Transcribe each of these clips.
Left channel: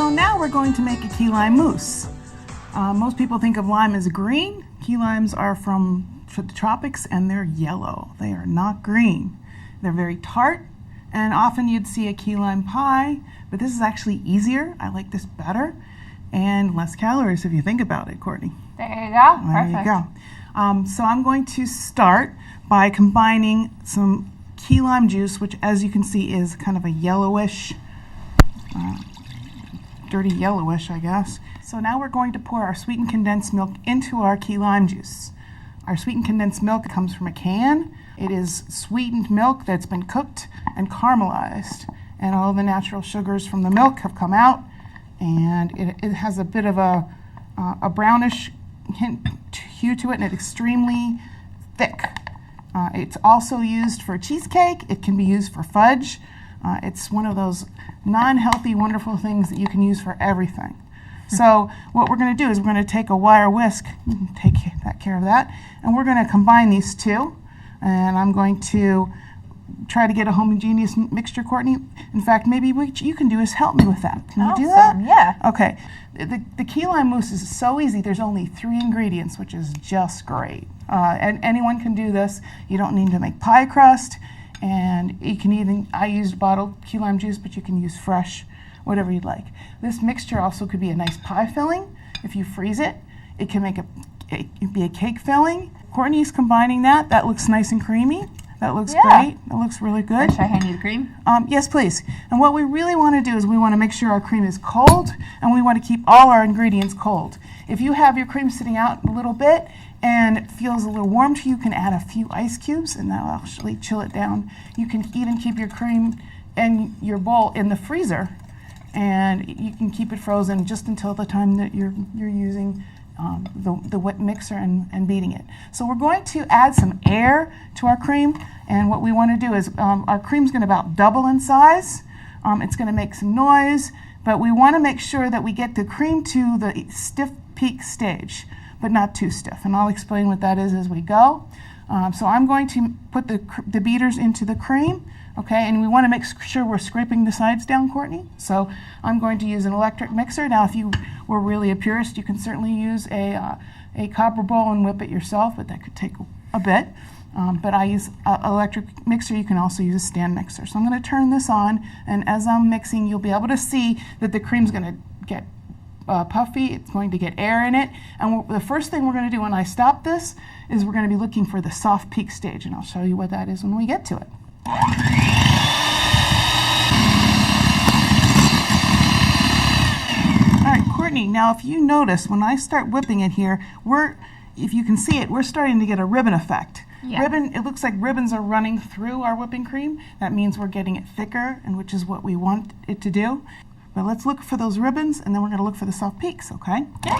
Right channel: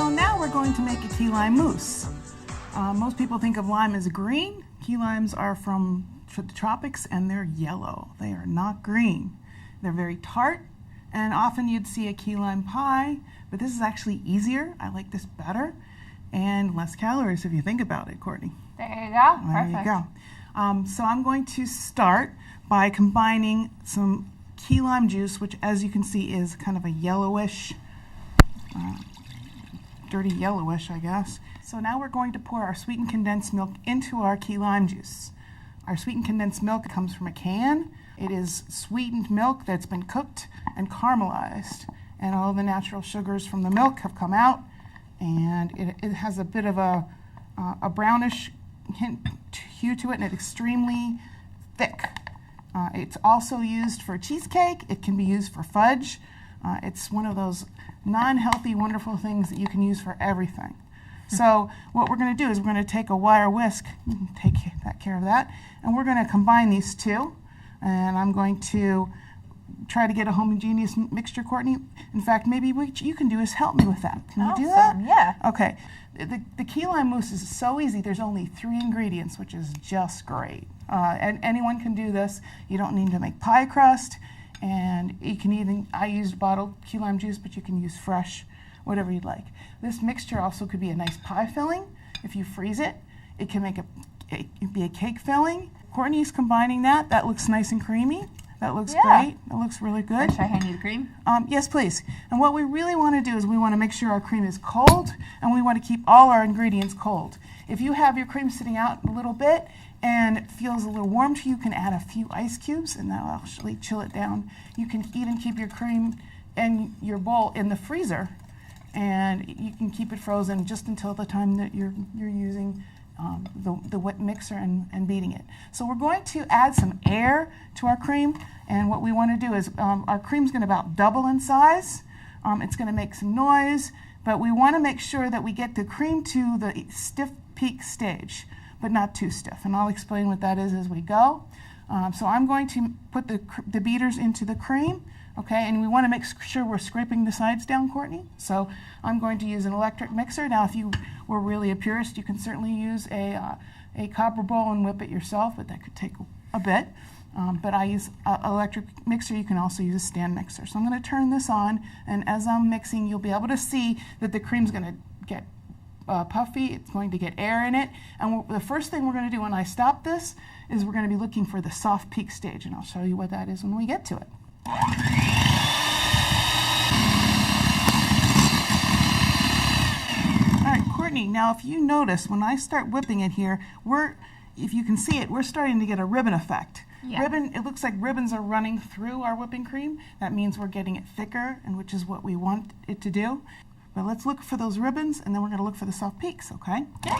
So now we're going to make a key lime mousse. Most people think of lime as green. Key limes are from the tropics and they're yellow. They are not green. They're very tart, and often you'd see a key lime pie, but this is actually easier. I like this better, and less calories if you think about it, Courtney. There you go. Perfect. There you go. So I'm going to start by combining some key lime juice, which as you can see is kind of a yellowish, dirty yellowish, I guess. So now we're going to pour our sweetened condensed milk into our key lime juice. Our sweetened condensed milk comes from a can. It is sweetened milk that's been cooked and caramelized, and all the natural sugars from the milk have come out, and it has a bit of a brownish hue to it, and it's extremely thick. It's also used for cheesecake. It can be used for fudge. It's one of those non-healthy, wonderful things that you can use for everything. So what we're going to do is we're going to take a wire whisk, take care of that, and we're going to combine these two. And I'm going to try to get a homogeneous mixture, Courtney. In fact, maybe what you can do is help me with that. Can you do that? Yeah. Okay. The key lime mousse is so easy. There's only 3 ingredients, which is just great. And anyone can do this. You don't need to make pie crust. And you can even, I used bottled key lime juice, but you can use fresh, whatever you'd like. This mixture also could be a nice pie filling. If you freeze it, it can make it be a cake filling. Courtney's combining that. That looks nice and creamy. That looks great. That looks really good. Should I hand you the cream? Yes, please. And what we really want to do is we want to make sure our cream is cold, and we want to keep all our ingredients cold. If you have your cream sitting out a little bit and it feels a little warm to you, you can add a few ice cubes, and that'll actually chill it down. You can even keep your cream and your bowl in the freezer, and you can keep it frozen just until the time that you're using the wet mixer and beating it. So we're going to add some air to our cream, and what we want to do is our cream's going to about double in size. It's going to make some noise, but we want to make sure that we get the cream to the stiff peak stage, but not too stiff, and I'll explain what that is as we go. So I'm going to put the beaters into the cream. Okay, and we want to make sure we're scraping the sides down, Courtney. So I'm going to use an electric mixer. Now, if you were really a purist, you can certainly use a copper bowl and whip it yourself, but that could take a bit. But I use an electric mixer. You can also use a stand mixer. So I'm going to turn this on, and as I'm mixing, you'll be able to see that the cream's going to get puffy. It's going to get air in it. And the first thing we're going to do when I stop this is we're going to be looking for the soft peak stage, and I'll show you what that is when we get to it. All right, Courtney, now if you notice, when I start whipping it here, if you can see it, we're starting to get a ribbon effect. Yeah. It looks like ribbons are running through our whipping cream. That means we're getting it thicker, and which is what we want it to do. But let's look for those ribbons, and then we're going to look for the soft peaks, okay? Yeah.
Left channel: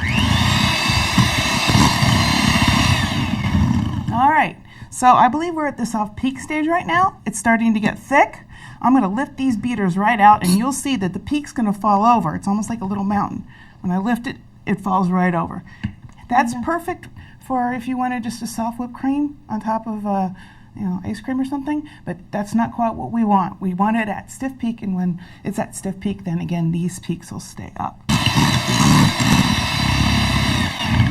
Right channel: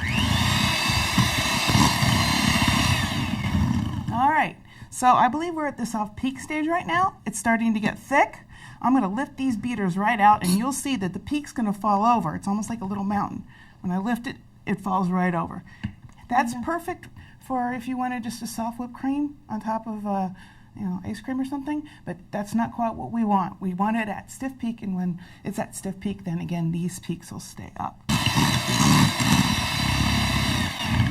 All right, so I believe we're at the soft peak stage right now. It's starting to get thick. I'm going to lift these beaters right out, and you'll see that the peak's going to fall over. It's almost like a little mountain. When I lift it, it falls right over. That's perfect for if you wanted just a soft whipped cream on top of ice cream or something, but that's not quite what we want. We want it at stiff peak, and when it's at stiff peak, then again, these peaks will stay up.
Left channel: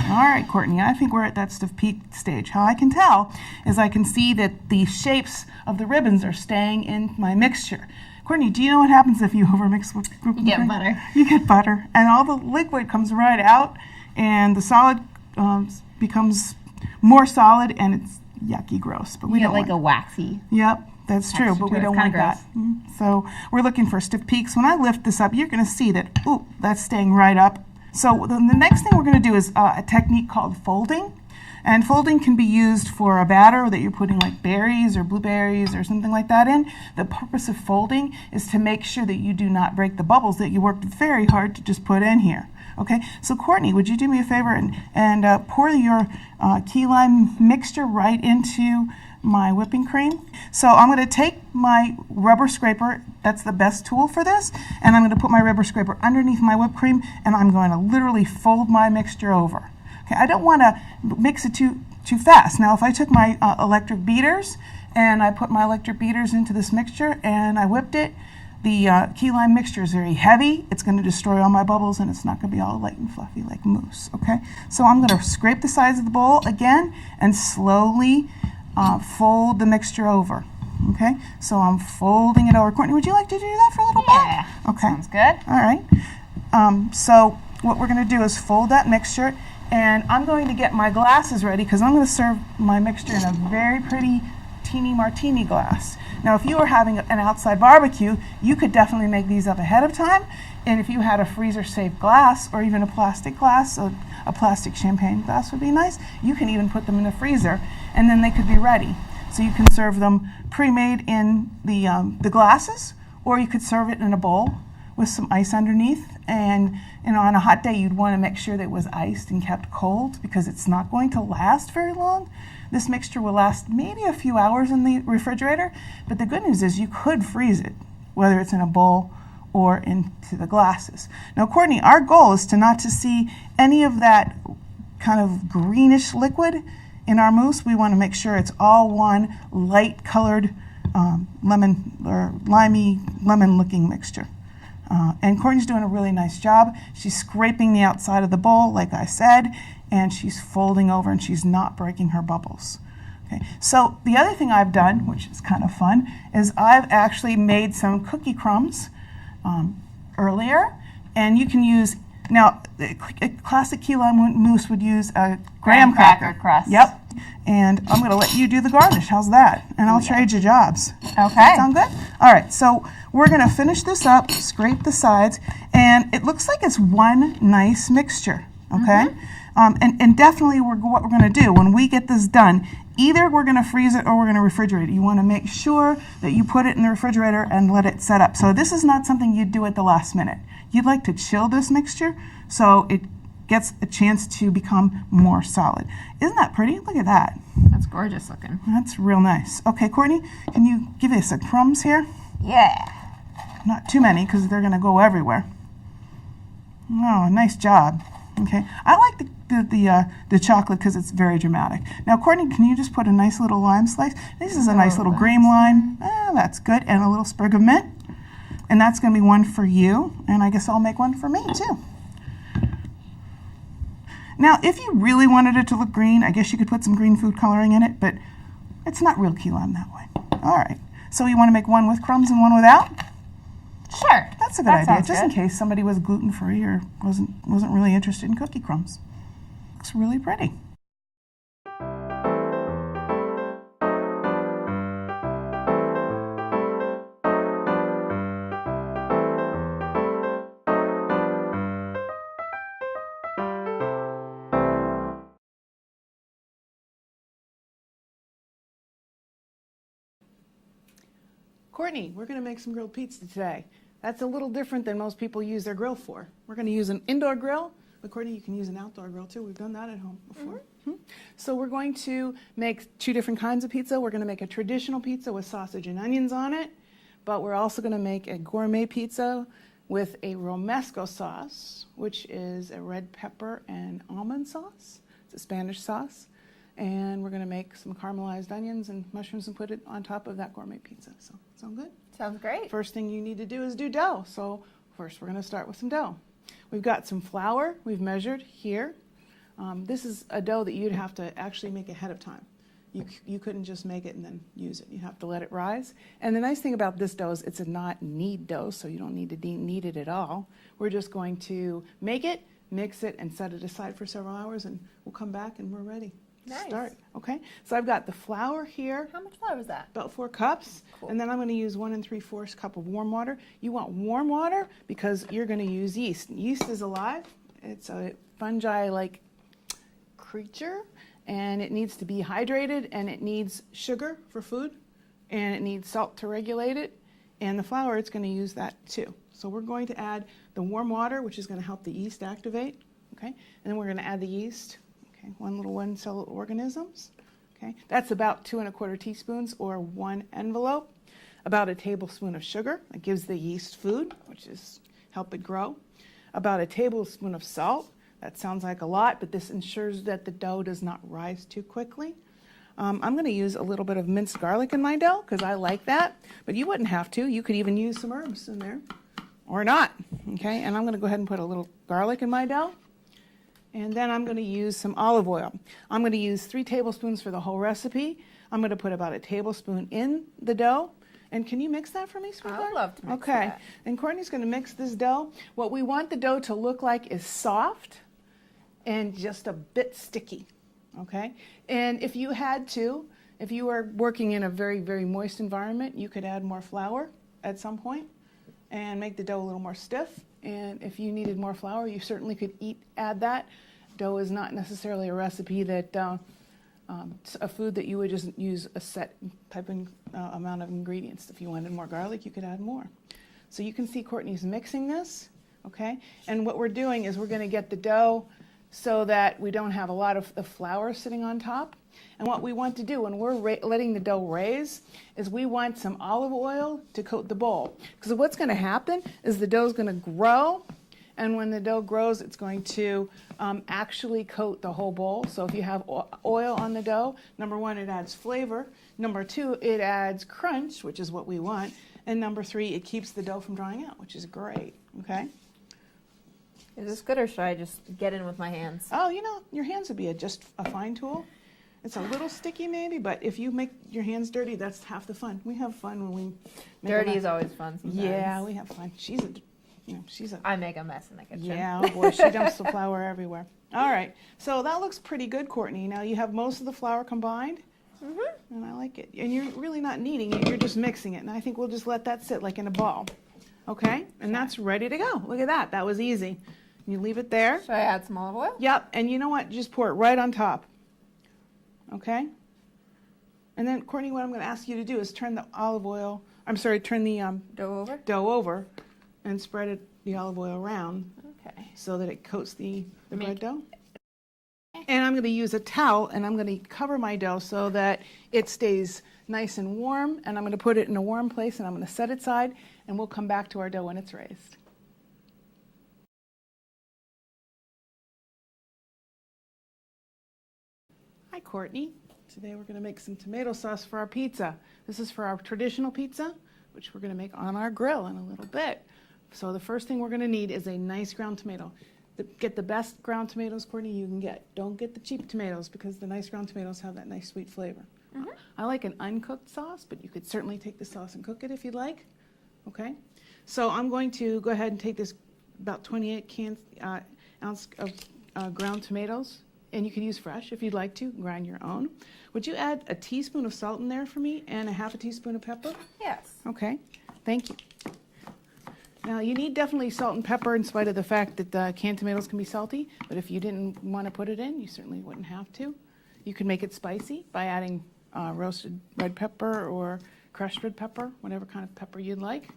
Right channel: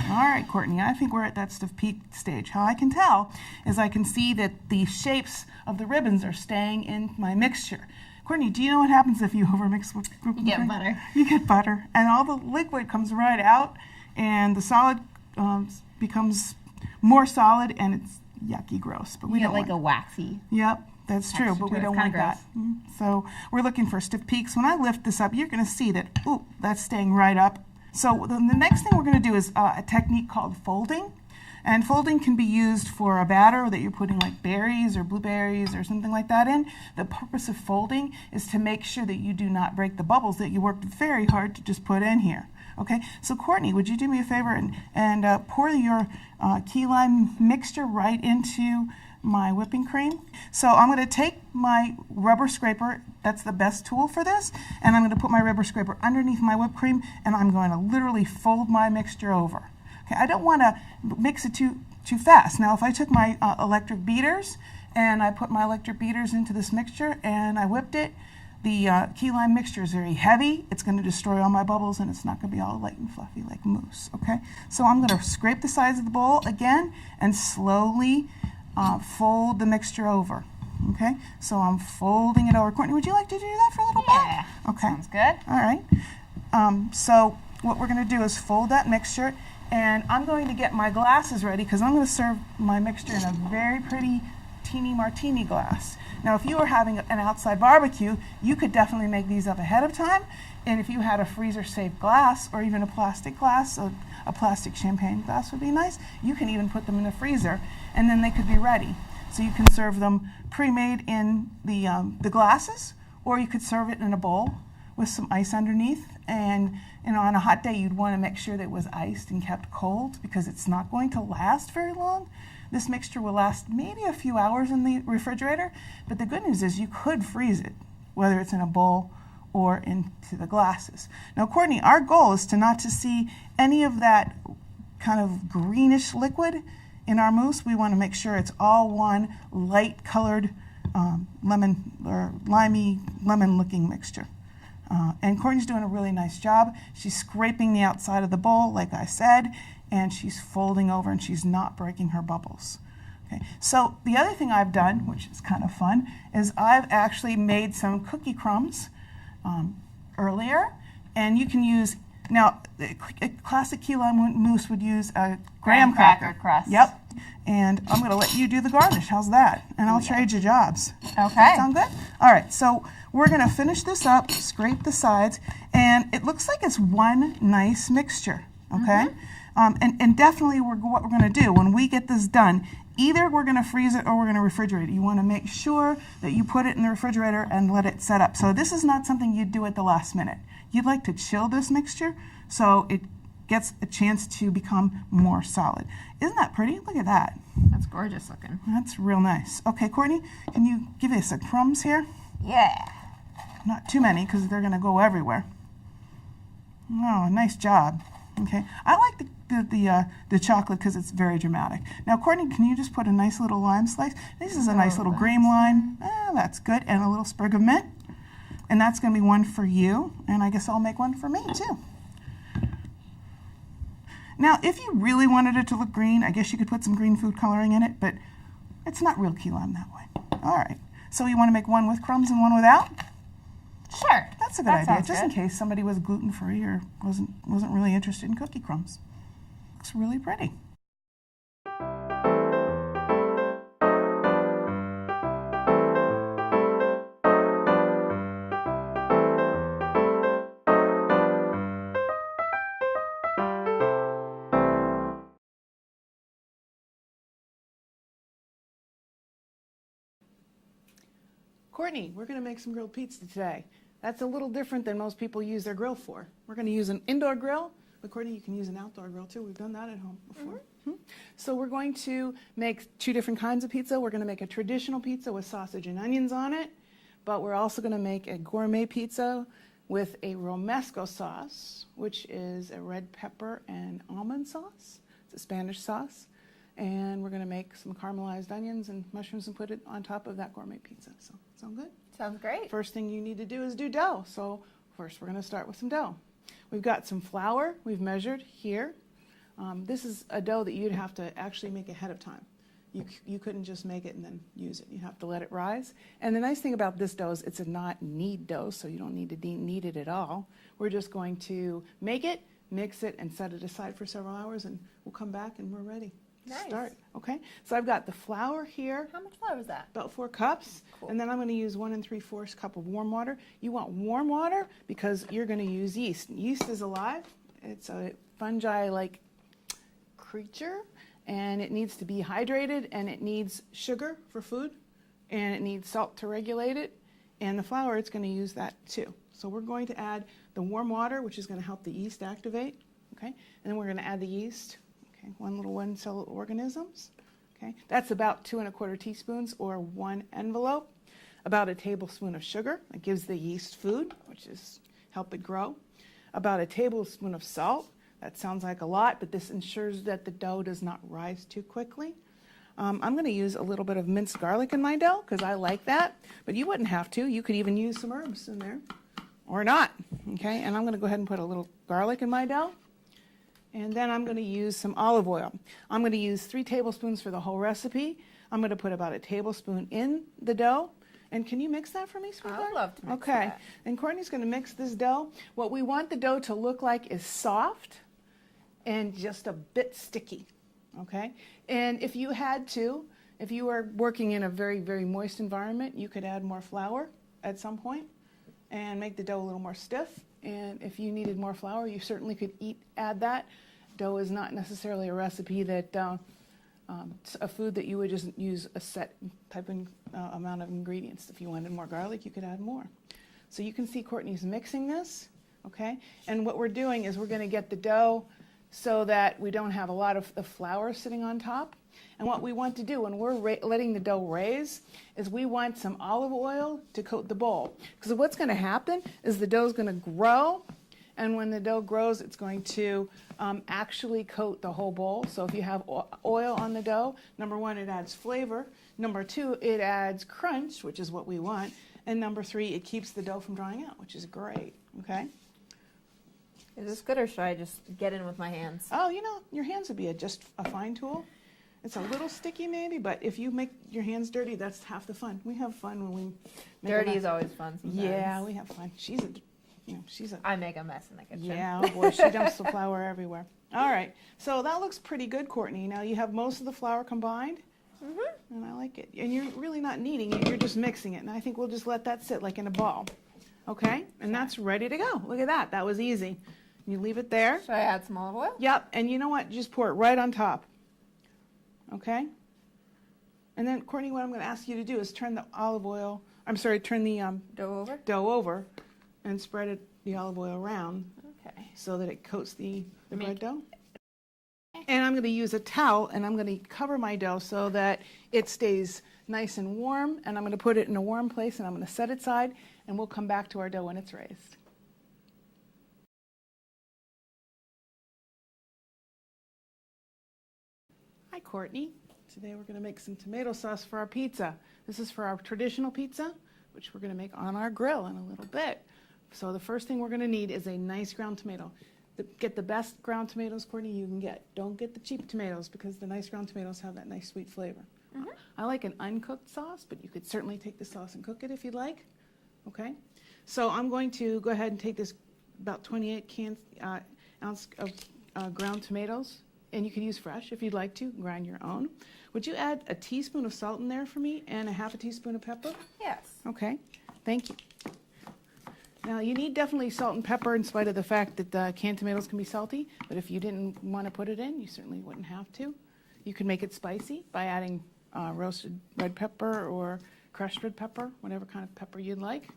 All right, Courtney, I think we're at that stiff peak stage. How I can tell is I can see that the shapes of the ribbons are staying in my mixture. Courtney, do you know what happens if you overmix with group? You get butter. You get butter, and all the liquid comes right out, and the solid becomes more solid, and it's yucky, gross. But we you don't get like want a waxy. Yep, that's true, but we don't want that. So we're looking for stiff peaks. When I lift this up, you're going to see that, ooh, that's staying right up. So the next thing we're going to do is a technique called folding. And folding can be used for a batter that you're putting like berries or blueberries or something like that in. The purpose of folding is to make sure that you do not break the bubbles that you worked very hard to just put in here. Okay, so Courtney, would you do me a favor and pour your key lime mixture right into my whipping cream? So I'm going to take my rubber scraper, that's the best tool for this, and I'm going to put my rubber scraper underneath my whipped cream, and I'm going to literally fold my mixture over. Okay, I don't want to mix it too fast. Now if I took my electric beaters and I put my electric beaters into this mixture and I whipped it, the key lime mixture is very heavy. It's going to destroy all my bubbles, and it's not going to be all light and fluffy like mousse, okay? So I'm going to scrape the sides of the bowl again and slowly fold the mixture over, okay? So I'm folding it over. Courtney, would you like to do that for a little bit? Yeah, okay. Sounds good. All right. So what we're going to do is fold that mixture, and I'm going to get my glasses ready because I'm going to serve my mixture in a very pretty teeny martini glass. Now, if you were having an outside barbecue, you could definitely make these up ahead of time. And if you had a freezer-safe glass or even a plastic glass, so a plastic champagne glass would be nice, you can even put them in the freezer, and then they could be ready. So you can serve them pre-made in the glasses, or you could serve it in a bowl with some ice underneath. And on a hot day, you'd want to make sure that it was iced and kept cold because it's not going to last very long. This mixture will last maybe a few hours in the refrigerator, but the good news is you could freeze it, whether it's in a bowl or into the glasses. Now, Courtney, our goal is to not to see any of that kind of greenish liquid in our mousse. We want to make sure it's all one light colored lemon or limey lemon looking mixture. And Courtney's doing a really nice job. She's scraping the outside of the bowl, like I said, and she's folding over and she's not breaking her bubbles. Okay. So the other thing I've done, which is kind of fun, is I've actually made some cookie crumbs earlier, and you can use, now a classic key lime mousse would use a graham cracker crust. Yep. And I'm going to let you do the garnish. How's that? And I'll trade you jobs. Okay. Sound good? All right. So we're going to finish this up, scrape the sides, and it looks like it's one nice mixture. Okay. And definitely what we're going to do when we get this done, either we're going to freeze it or we're going to refrigerate it. You want to make sure that you put it in the refrigerator and let it set up. So this is not something you'd do at the last minute. You'd like to chill this mixture so it gets a chance to become more solid. Isn't that pretty? Look at that. That's gorgeous looking. That's real nice. Okay, Courtney, can you give us some crumbs here? Yeah. Not too many because they're going to go everywhere. Oh, nice job. Okay, I like the chocolate because it's very dramatic. Now, Courtney, can you just put a nice little lime slice? This is a nice little green lime. That's good. And a little sprig of mint. And that's going to be one for you. And I guess I'll make one for me, too. Now, if you really wanted it to look green, I guess you could put some green food coloring in it, but it's not real key lime that way. All right. So you want to make one with crumbs and one without? Sure. That's a good idea, just in case somebody was gluten-free or wasn't really interested in cookie crumbs. Looks really pretty. Courtney, we're going to make some grilled pizza today. That's a little different than most people use their grill for. We're going to use an indoor grill, but Courtney, you can use an outdoor grill too. We've done that at home before. So we're going to make two different kinds of pizza. We're going to make a traditional pizza with sausage and onions on it, but we're also going to make a gourmet pizza with a romesco sauce, which is a red pepper and almond sauce. It's a Spanish sauce. And we're going to make some caramelized onions and mushrooms and put it on top of that gourmet pizza. So, sound good? Sounds great. First thing you need to do is do dough. So first we're going to start with some dough. We've got some flour we've measured here. This is a dough that you'd have to actually make ahead of time. You couldn't just make it and then use it. You have to let it rise. And the nice thing about this dough is it's a not knead dough, so you don't need to knead it at all. We're just going to make it, mix it, and set it aside for several hours, and we'll come back and we're ready. Nice. Start. Okay, so I've got the flour here. How much flour is that? About 4 cups. Cool. And then I'm going to use 1 3/4 cup of warm water. You want warm water because you're going to use yeast. Yeast is alive. It's a fungi-like creature, and it needs to be hydrated, and it needs sugar for food, and it needs salt to regulate it, and the flour, it's going to use that too. So we're going to add the warm water, which is going to help the yeast activate, okay? And then we're going to add the yeast. Okay, one-cell organisms. Okay, that's about 2 1/4 teaspoons or 1 envelope. About a tablespoon of sugar. That gives the yeast food, which is help it grow. About a tablespoon of salt. That sounds like a lot, but this ensures that the dough does not rise too quickly. I'm going to use a little bit of minced garlic in my dough because I like that, but you wouldn't have to. You could even use some herbs in there or not, okay? And I'm going to go ahead and put a little garlic in my dough, and then I'm going to use some olive oil. I'm going to use 3 tablespoons for the whole recipe. I'm going to put about a tablespoon in the dough. And can you mix that for me, sweetheart? I would love to mix Okay. that. And Courtney's going to mix this dough. What we want the dough to look like is soft and just a bit sticky, okay? And if you had to, if you were working in a very, very moist environment, you could add more flour at some point and make the dough a little more stiff. And if you needed more flour, you certainly could add that. Dough is not necessarily a recipe that, a food that you would just use a set type of amount of ingredients. If you wanted more garlic, you could add more. So you can see Courtney's mixing this, okay? And what we're doing is we're going to get the dough so that we don't have a lot of the flour sitting on top. And what we want to do when we're letting the dough raise is we want some olive oil to coat the bowl. Because what's going to happen is the dough is going to grow, and when the dough grows, it's going to actually coat the whole bowl. So if you have oil on the dough, number 1, it adds flavor. Number 2, it adds crunch, which is what we want. And number 3, it keeps the dough from drying out, which is great, okay? Is this good, or should I just get in with my hands? Oh, you know, your hands would be just a fine tool. It's a little sticky maybe, but if you make your hands dirty, that's half the fun. We have fun when we make Dirty is always fun sometimes. Yeah, we have fun. I make a mess in the kitchen. Yeah, oh boy, she dumps the flour everywhere. All right, so that looks pretty good, Courtney. Now you have most of the flour combined, and I like it. And you're really not kneading it, you're just mixing it. And I think we'll just let that sit like in a ball, okay? And that's ready to go. Look at that, that was easy. You leave it there. Should I add some olive oil? Yep, and you know what? Just pour it right on top, okay? And then, Courtney, what I'm going to ask you to do is turn the dough over and spread the olive oil around, Okay. so that it coats the bread dough. And I'm going to use a towel, and I'm going to cover my dough so that it stays nice and warm, and I'm going to put it in a warm place, and I'm going to set it aside, and we'll come back to our dough when it's raised. Hi, Courtney. Today we're going to make some tomato sauce for our pizza. This is for our traditional pizza, which we're going to make on our grill in a little bit. So the first thing we're going to need is a nice ground tomato. Get the best ground tomatoes, Courtney, you can get. Don't get the cheap tomatoes, because the nice ground tomatoes have that nice sweet flavor. I like an uncooked sauce, but you could certainly take the sauce and cook it if you'd like. Okay? So I'm going to go ahead and take this about 28 ounce of ground tomatoes, and you can use fresh if you'd like to, grind your own. Would you add a teaspoon of salt in there for me and a half a teaspoon of pepper? Yes. Okay, thank you. Now, you need definitely salt and pepper in spite of the fact that the canned tomatoes can be salty, but if you didn't want to put it in, you certainly wouldn't have to. You could make it spicy by adding roasted red pepper or crushed red pepper, whatever kind of pepper you'd like.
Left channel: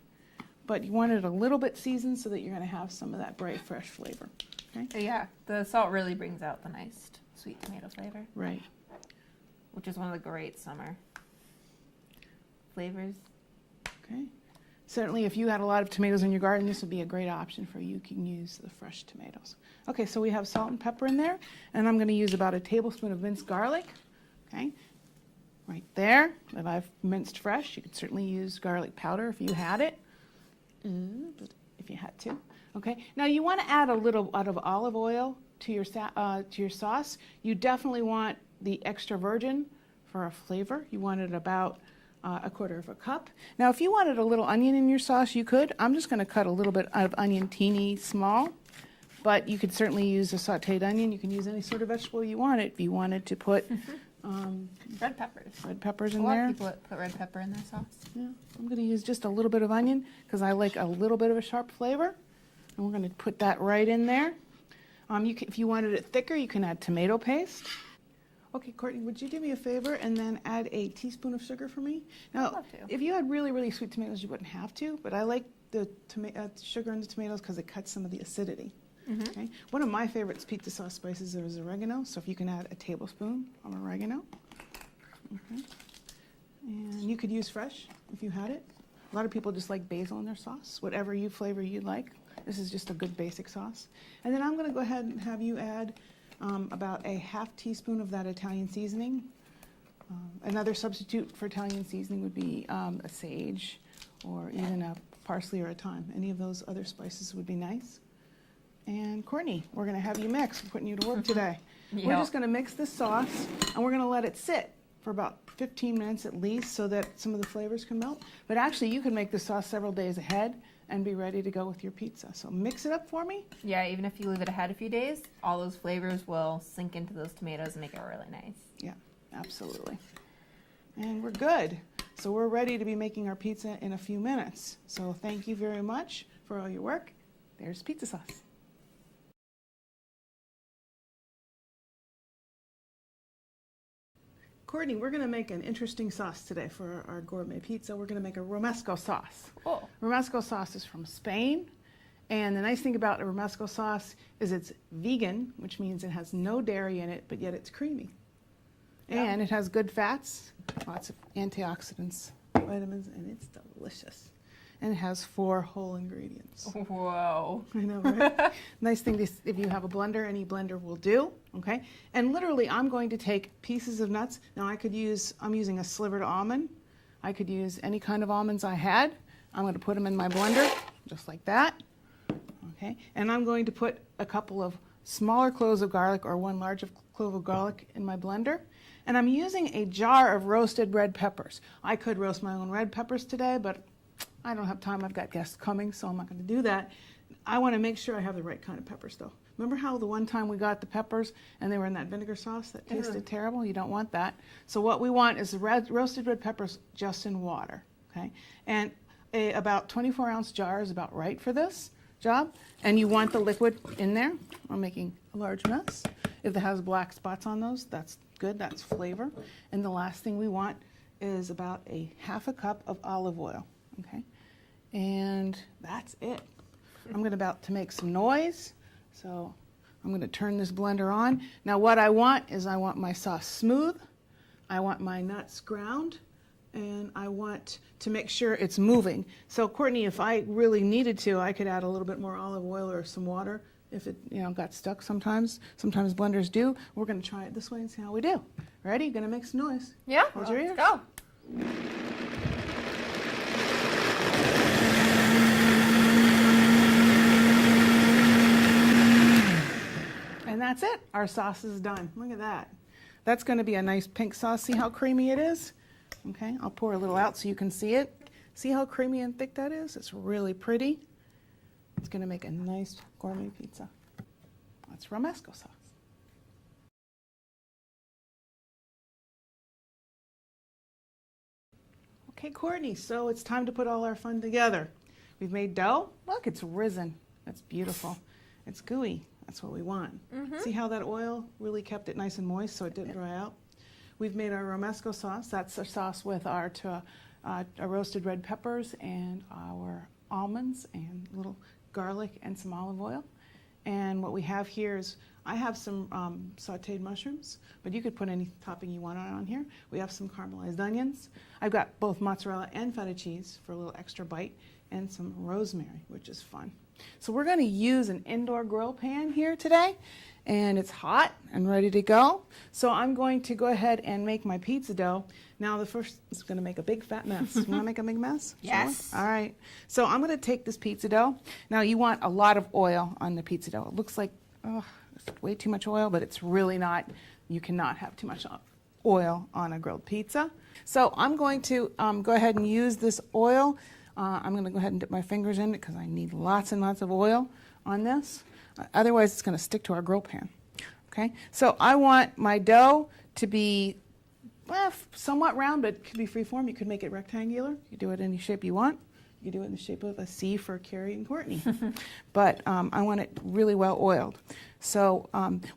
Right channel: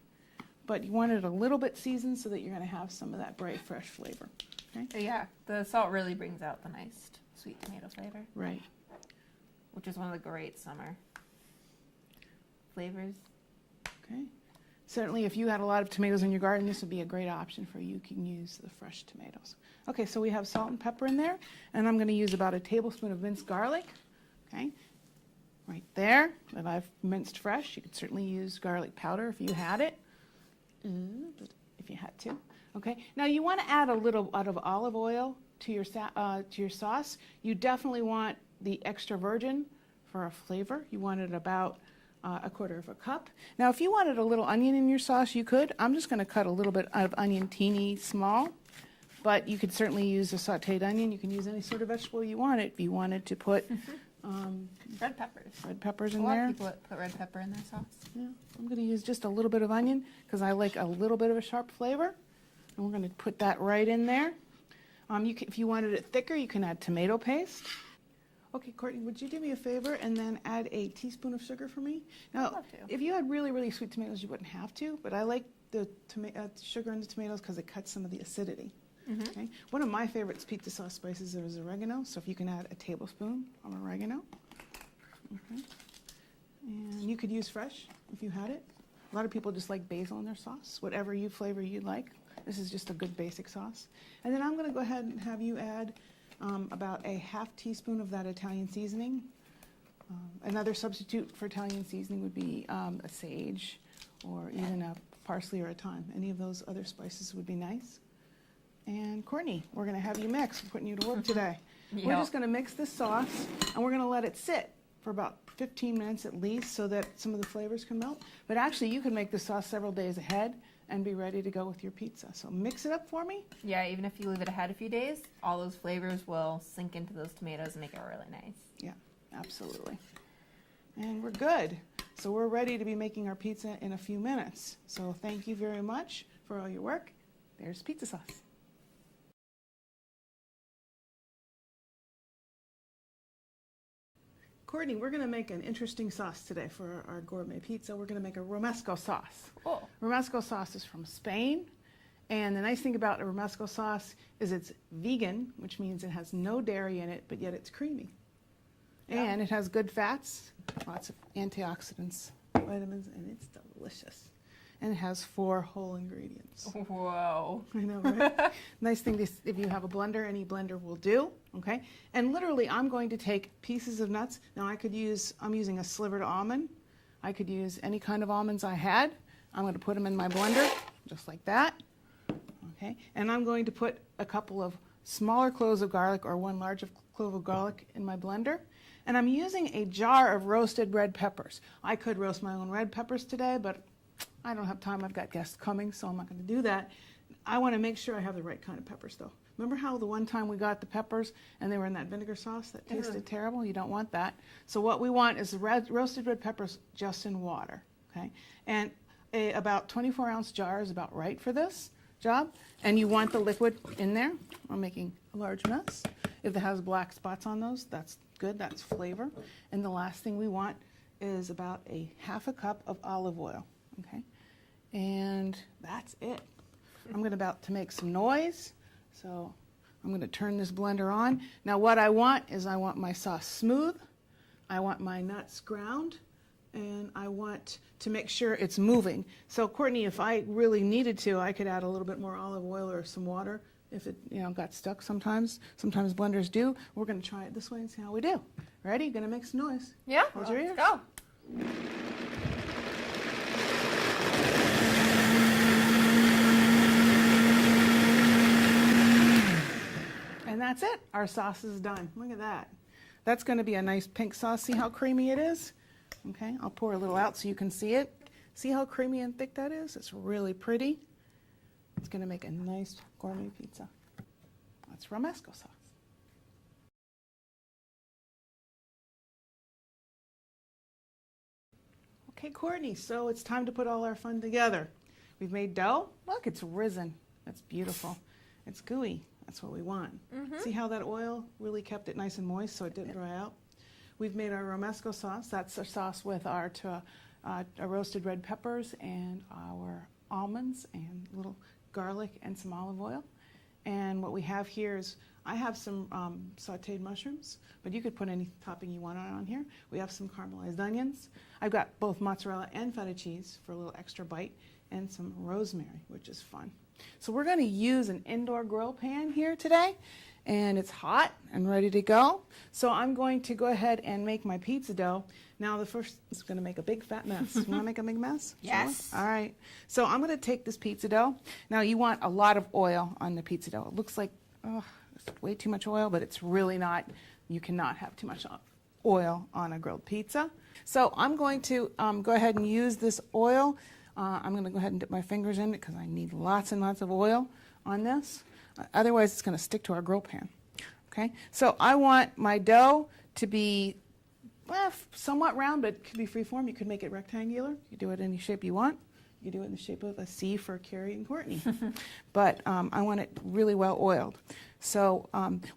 But you want it a little bit seasoned so that you're going to have some of that bright, fresh flavor. Okay? Yeah, the salt really brings out the nice sweet tomato flavor. Right. Which is one of the great summer flavors. Okay. Certainly, if you had a lot of tomatoes in your garden, this would be a great option for you. You can use the fresh tomatoes. Okay, so we have salt and pepper in there, and I'm going to use about a tablespoon of minced garlic. Okay, right there that I've minced fresh. You could certainly use garlic powder if you had it, if you had to. Okay, now you want to add a little of olive oil to your sauce. You definitely want the extra virgin for a flavor. You want it about a quarter of a cup. Now, if you wanted a little onion in your sauce, you could. I'm just going to cut a little bit of onion teeny small, but you could certainly use a sauteed onion. You can use any sort of vegetable you want it. If you wanted to put red peppers. Red peppers in A lot there. of people put red pepper in their sauce. Yeah, I'm going to use just a little bit of onion because I like a little bit of a sharp flavor. And we're going to put that right in there. If you wanted it thicker, you can add tomato paste. Okay, Courtney, would you do me a favor and then add a teaspoon of sugar for me? Now, I'd love to. if you had really, really sweet tomatoes, you wouldn't have to, but I like the sugar in the tomatoes because it cuts some of the acidity. Okay? One of my favorite pizza sauce spices is oregano, so if you can add a tablespoon of oregano. Okay. And you could use fresh if you had it. A lot of people just like basil in their sauce, whatever flavor you like. This is just a good basic sauce. And then I'm going to go ahead and have you add about a half teaspoon of that Italian seasoning. Another substitute for Italian seasoning would be a sage or even a parsley or a thyme. Any of those other spices would be nice. And Courtney, we're going to have you mix. We're putting you to work today. Yep. We're just going to mix the sauce, and we're going to let it sit for about 15 minutes at least so that some of the flavors can melt. But actually, you can make the sauce several days ahead and be ready to go with your pizza. So mix it up for me. Yeah, even if you leave it ahead a few days, all those flavors will sink into those tomatoes and make it really nice. Yeah, absolutely. And we're good. So we're ready to be making our pizza in a few minutes. So thank you very much for all your work. There's pizza sauce. Courtney, we're going to make an interesting sauce today for our gourmet pizza. We're going to make a romesco sauce. Oh. Romesco sauce is from Spain. And the nice thing about a romesco sauce is it's vegan, which means it has no dairy in it, but yet it's creamy. Yeah. And it has good fats, lots of antioxidants, vitamins, and it's delicious. And it has 4 whole ingredients. Whoa. I know, right? Nice thing, if you have a blender, any blender will do, okay? And literally, I'm going to take pieces of nuts. Now, I'm using a slivered almond. I could use any kind of almonds I had. I'm going to put them in my blender, just like that, okay? And I'm going to put a couple of smaller cloves of garlic or 1 large clove of garlic in my blender. And I'm using a jar of roasted red peppers. I could roast my own red peppers today, but I don't have time. I've got guests coming, so I'm not going to do that. I want to make sure I have the right kind of peppers, though. Remember how the one time we got the peppers and they were in that vinegar sauce that tasted terrible? You don't want that. So what we want is roasted red peppers just in water, okay? And about 24-ounce jar is about right for this job. And you want the liquid in there. I'm making a large mess. If it has black spots on those, that's good. That's flavor. And the last thing we want is about a ½ a cup of olive oil, okay? And that's it. I'm about to make some noise, so I'm going to turn this blender on. Now what I want is I want my sauce smooth, I want my nuts ground, and I want to make sure it's moving. So Courtney, if I really needed to, I could add a little bit more olive oil or some water if it got stuck sometimes. Sometimes blenders do. We're going to try it this way and see how we do. Ready? Going to make some noise. Yeah, Hold your ears. go. And that's it. Our sauce is done. Look at that. That's going to be a nice pink sauce. See how creamy it is? Okay, I'll pour a little out so you can see it. See how creamy and thick that is? It's really pretty. It's going to make a nice gourmet pizza. That's romesco sauce. Okay, Courtney, so it's time to put all our fun together. We've made dough. Look, it's risen. That's beautiful. It's gooey. That's what we want. See how that oil really kept it nice and moist so it didn't dry out? We've made our romesco sauce. That's a sauce with our roasted red peppers and our almonds and little garlic and some olive oil. And what we have here is, I have some sauteed mushrooms, but you could put any topping you want on here. We have some caramelized onions. I've got both mozzarella and feta cheese for a little extra bite, and some rosemary, which is fun. So we're going to use an indoor grill pan here today, and it's hot and ready to go. So I'm going to go ahead and make my pizza dough. Now the first is going to make a big fat mess. You want to make a big mess? Yes. All right. So I'm going to take this pizza dough. Now you want a lot of oil on the pizza dough. It looks like it's way too much oil, but it's really not. You cannot have too much oil on a grilled pizza. So I'm going to go ahead and use this oil. I'm going to go ahead and dip my fingers in it because I need lots and lots of oil on this. Otherwise, it's going to stick to our grill pan. Okay, so I want my dough to be somewhat round, but it could be freeform. You could make it rectangular. You do it any shape you want. You do it in the shape of a C for Carrie and Courtney. But I want it really well oiled. So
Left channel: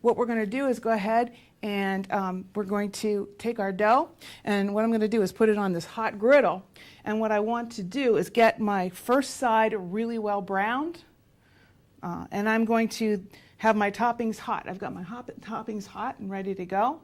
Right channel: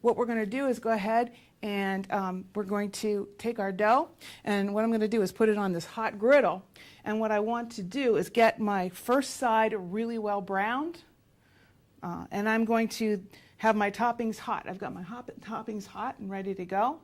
what we're going to do is go ahead and we're going to take our dough, and what I'm going to do is put it on this hot griddle. And what I want to do is get my first side really well browned, and I'm going to have my toppings hot. I've got my toppings hot and ready to go.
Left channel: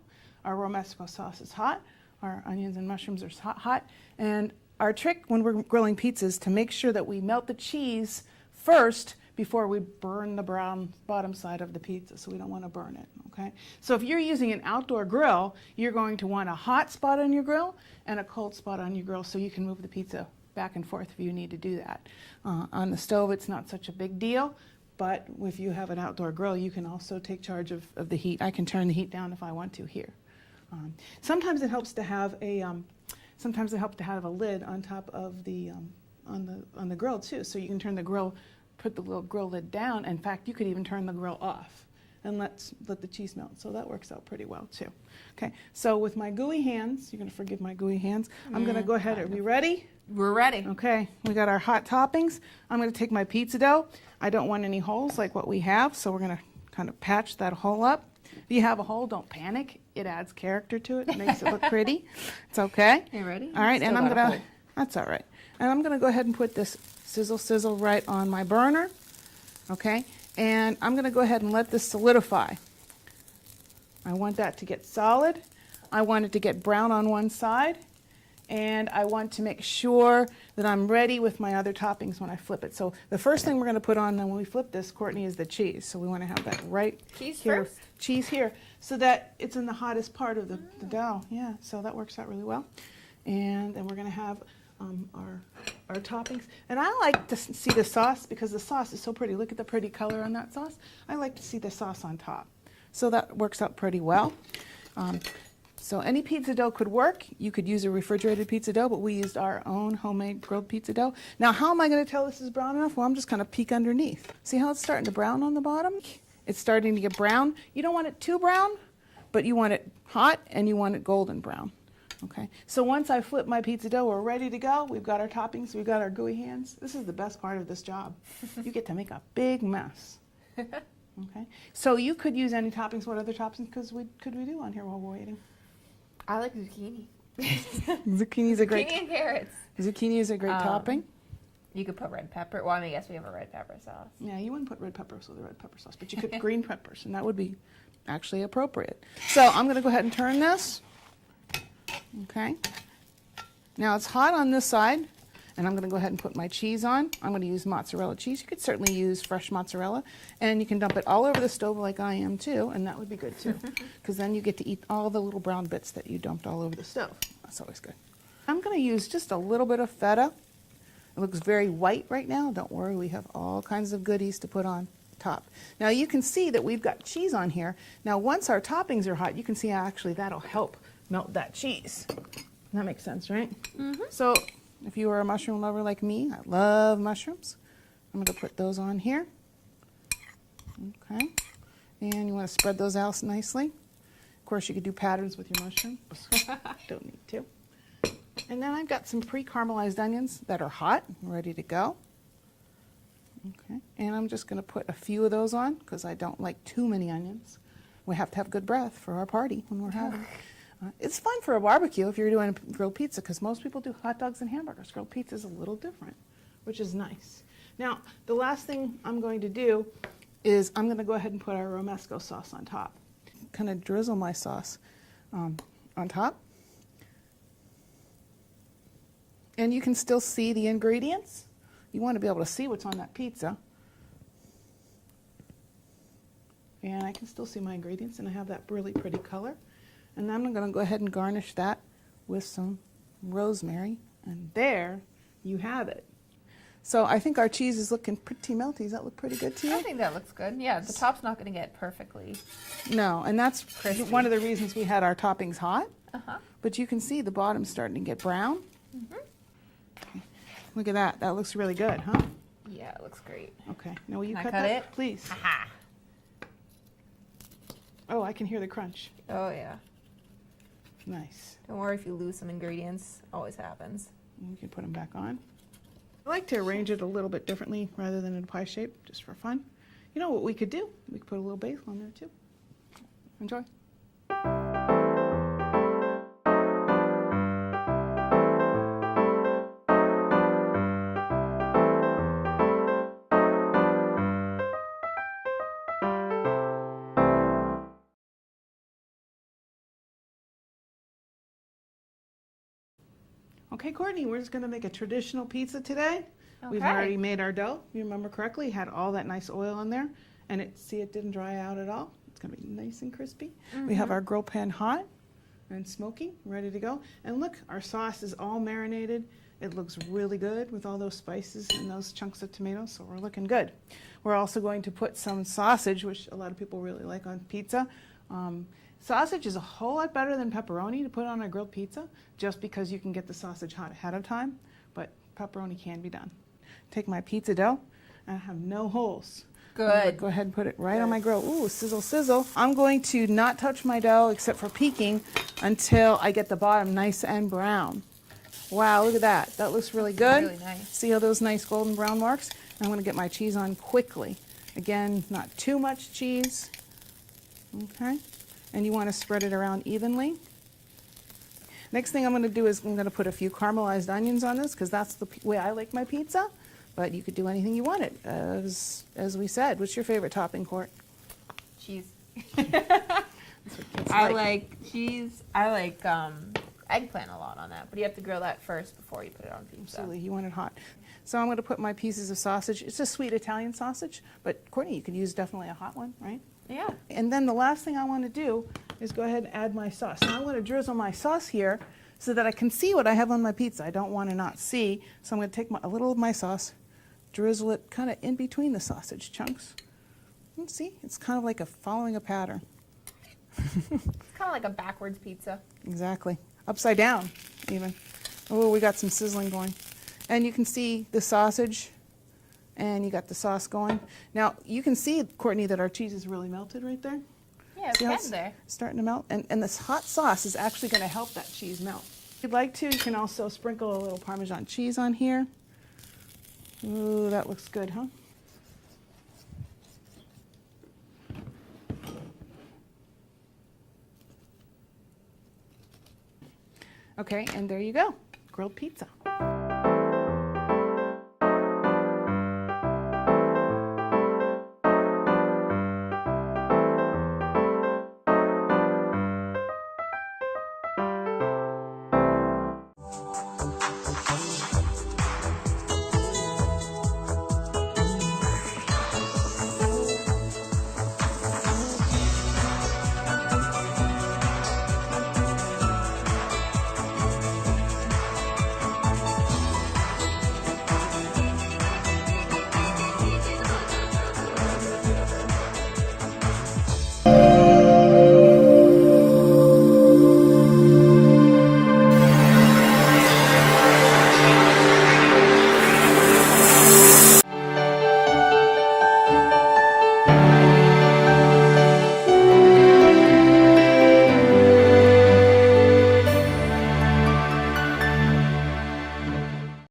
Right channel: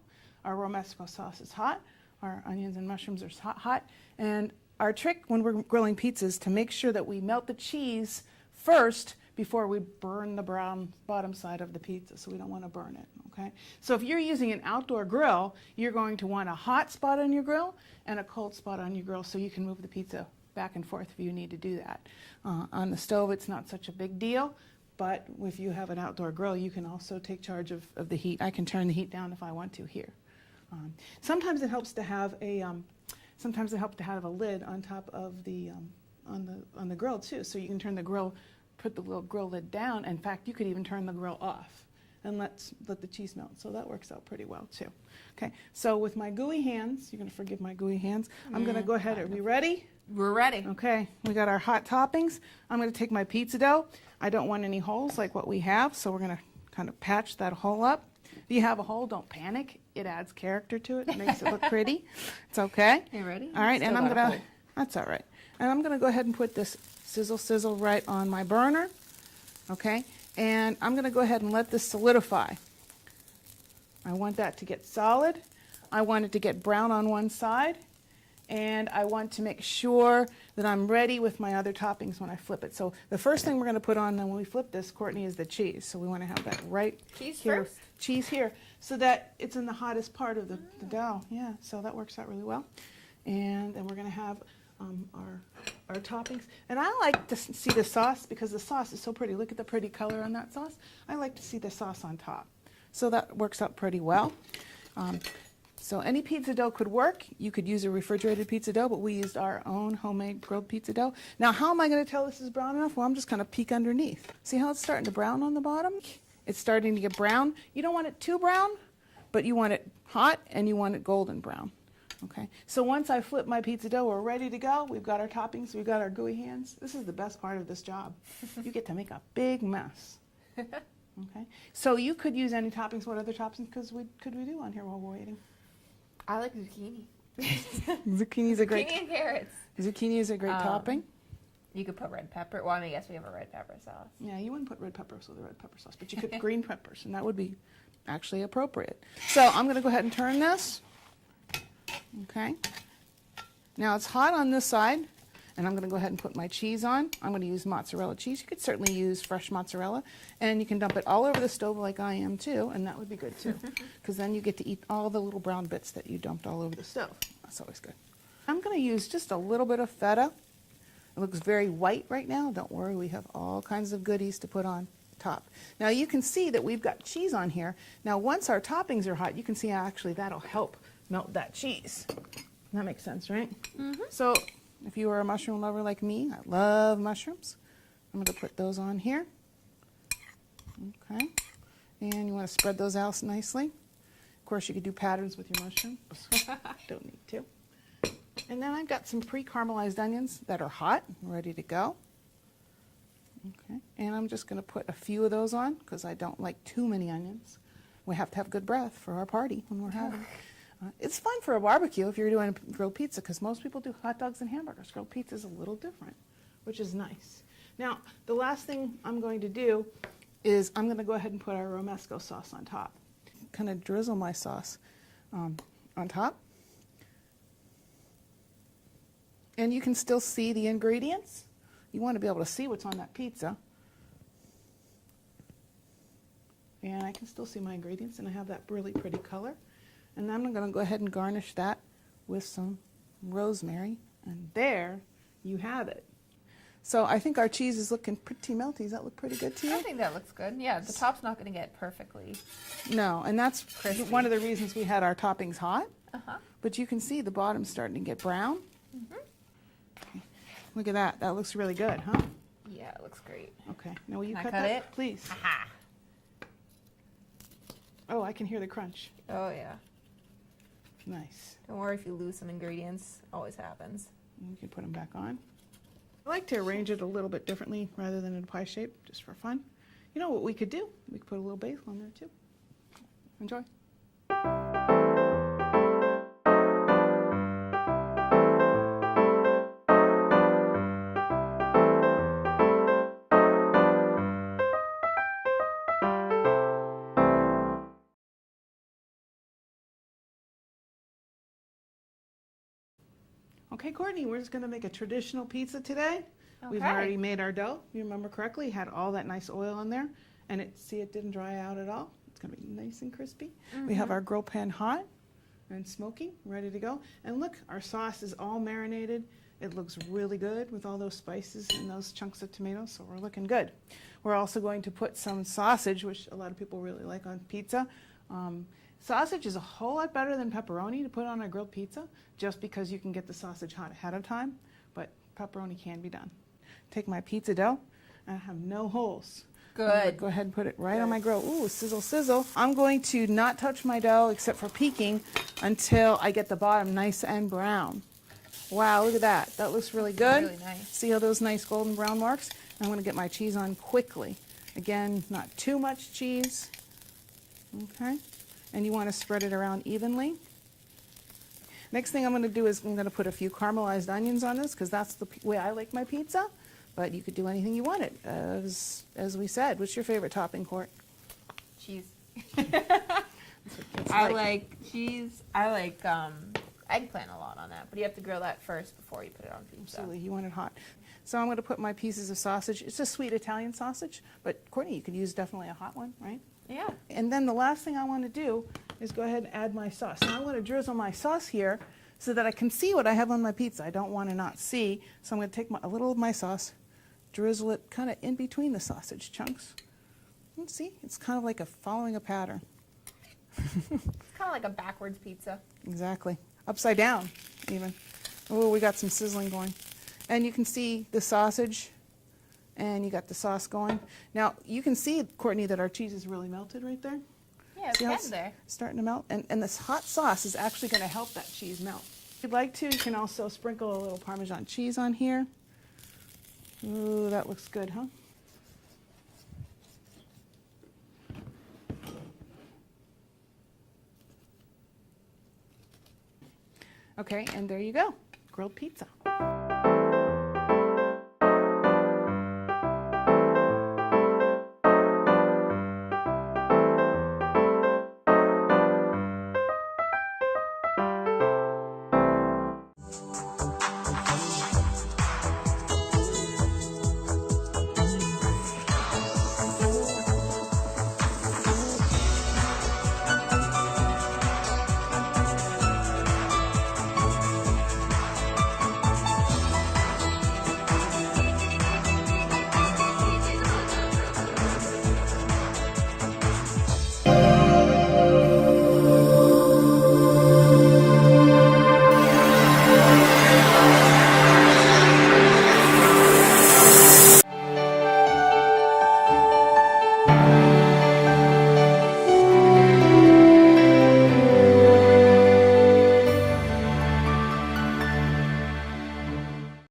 Our romesco sauce is hot. Our onions and mushrooms are hot. And our trick when we're grilling pizza is to make sure that we melt the cheese first before we burn the brown bottom side of the pizza, so we don't want to burn it, okay? So if you're using an outdoor grill, you're going to want a hot spot on your grill and a cold spot on your grill so you can move the pizza back and forth if you need to do that. On the stove, it's not such a big deal, but if you have an outdoor grill, you can also take charge of the heat. I can turn the heat down if I want to here. Sometimes it helps to have a lid on top of the on the grill too, so you can turn the grill, put the little grill lid down. In fact, you could even turn the grill off and let the cheese melt. So that works out pretty well too. Okay, so with my gooey hands, you're gonna forgive my gooey hands. I'm gonna go ahead. Are we ready? We're ready. Okay, we got our hot toppings. I'm gonna take my pizza dough. I don't want any holes like what we have, so we're gonna kind of patch that hole up. If you have a hole, don't panic. It adds character to it. It makes it look pretty. It's okay. You ready? All right, Still and I'm got a gonna. hole. That's all right. And I'm gonna go ahead and put this sizzle right on my burner. Okay, and I'm gonna go ahead and let this solidify. I want that to get solid. I want it to get brown on one side. And I want to make sure that I'm ready with my other toppings when I flip it. So the first thing we're going to put on then when we flip this, Courtney, is the cheese. So we want to have that right Cheese here. first? Cheese here, so that it's in the hottest part of the dough. Yeah, so that works out really well. And then we're going to have our toppings. And I like to see the sauce because the sauce is so pretty. Look at the pretty color on that sauce. I like to see the sauce on top. So that works out pretty well. So any pizza dough could work. You could use a refrigerated pizza dough, but we used our own homemade grilled pizza dough. Now, how am I going to tell this is brown enough? Well, I'm just going to peek underneath. See how it's starting to brown on the bottom? It's starting to get brown. You don't want it too brown, but you want it hot and you want it golden brown. Okay. So once I flip my pizza dough, we're ready to go. We've got our toppings. We've got our gooey hands. This is the best part of this job. You get to make a big mess. Okay. So you could use any toppings. What other toppings could we do on here while we're waiting? I like zucchini. Zucchini is a great. Zucchini and carrots. Zucchini is a great topping. You could put red pepper. Well, I mean, I guess we have a red pepper sauce. Yeah, you wouldn't put red peppers with the red pepper sauce, but you could green peppers, and that would be actually appropriate. So I'm going to go ahead and turn this. Okay. Now it's hot on this side, and I'm going to go ahead and put my cheese on. I'm going to use mozzarella cheese. You could certainly use fresh mozzarella, and you can dump it all over the stove like I am too, and that would be good too, because then you get to eat all the little brown bits that you dumped all over the stove. That's always good. I'm going to use just a little bit of feta. It looks very white right now. Don't worry, we have all kinds of goodies to put on top. Now you can see that we've got cheese on here. Now once our toppings are hot, you can see how actually that'll help melt that cheese. That makes sense, right? Mm-hmm. So if you are a mushroom lover like me, I love mushrooms. I'm going to put those on here. Okay. And you want to spread those out nicely. Of course, you could do patterns with your mushrooms. Don't need to. And then I've got some pre-caramelized onions that are hot and ready to go. Okay. And I'm just going to put a few of those on because I don't like too many onions. We have to have good breath for our party when we're having. It's fun for a barbecue if you're doing grilled pizza because most people do hot dogs and hamburgers. Grilled pizza is a little different, which is nice. Now, the last thing I'm going to do is I'm going to go ahead and put our romesco sauce on top. Kind of drizzle my sauce on top. And you can still see the ingredients. You want to be able to see what's on that pizza. And I can still see my ingredients, and I have that really pretty color. And then I'm going to go ahead and garnish that with some rosemary. And there you have it. So I think our cheese is looking pretty melty. Does that look pretty good to you? I think that looks good. Yeah, the top's not going to get perfectly. No, and that's crispy. one of the reasons we had our toppings hot. Uh-huh. But you can see the bottom's starting to get brown. Mm-hmm. Okay. Look at that. That looks really good, huh? Yeah, it looks great. Okay. Now will you Can I cut cut that? it? Please. Aha. Oh, I can hear the crunch. Oh, yeah. Nice. Don't worry if you lose some ingredients. Always happens. You can put them back on. I like to arrange it a little bit differently rather than in pie shape, just for fun. You know what we could do? We could put a little basil on there too. Enjoy. Okay, Courtney, we're just going to make a traditional pizza today. We've Okay. already made our dough. You remember correctly, had all that nice oil in there, and it didn't dry out at all. It's gonna be nice and crispy. We have our grill pan hot and smoking, ready to go. And look, our sauce is all marinated. It looks really good with all those spices and those chunks of tomatoes, so we're looking good. We're also going to put some sausage, which a lot of people really like on pizza. Sausage is a whole lot better than pepperoni to put on a grilled pizza, just because you can get the sausage hot ahead of time, but pepperoni can be done. Take my pizza dough, and I have no holes. Good. Go ahead and put it right on my grill. Ooh, sizzle, sizzle. I'm going to not touch my dough except for peeking until I get the bottom nice and brown. Wow, look at that. That looks really good. Really nice. See all those nice golden brown marks? I'm going to get my cheese on quickly. Again, not too much cheese. Okay. And you want to spread it around evenly. Next thing I'm going to do is I'm going to put a few caramelized onions on this because that's the way I like my pizza. But you could do anything you wanted. As we said, what's your favorite topping, Court? Cheese. Kids I like cheese. I like eggplant a lot on that, but you have to grill that first before you put it on pizza. Absolutely, you want it hot. So I'm going to put my pieces of sausage. It's a sweet Italian sausage, but Courtney, you could use definitely a hot one, right? Yeah. And then the last thing I want to do is go ahead and add my sauce. Now I'm going to drizzle my sauce here so that I can see what I have on my pizza. I don't want to not see, so I'm going to take a little of my sauce, drizzle it kind of in between the sausage chunks. And see, it's kind of like following a pattern. It's kind of like a backwards pizza. Exactly. Upside down, even. Oh, we got some sizzling going. And you can see the sausage, and you got the sauce going. Now, you can see, Courtney, that our cheese is really melted right there. Yeah, it's See how getting there. starting to melt? And this hot sauce is actually going to help that cheese melt. If you'd like to, you can also sprinkle a little Parmesan cheese on here. Ooh, that looks good, huh? Okay, and there you go, grilled pizza.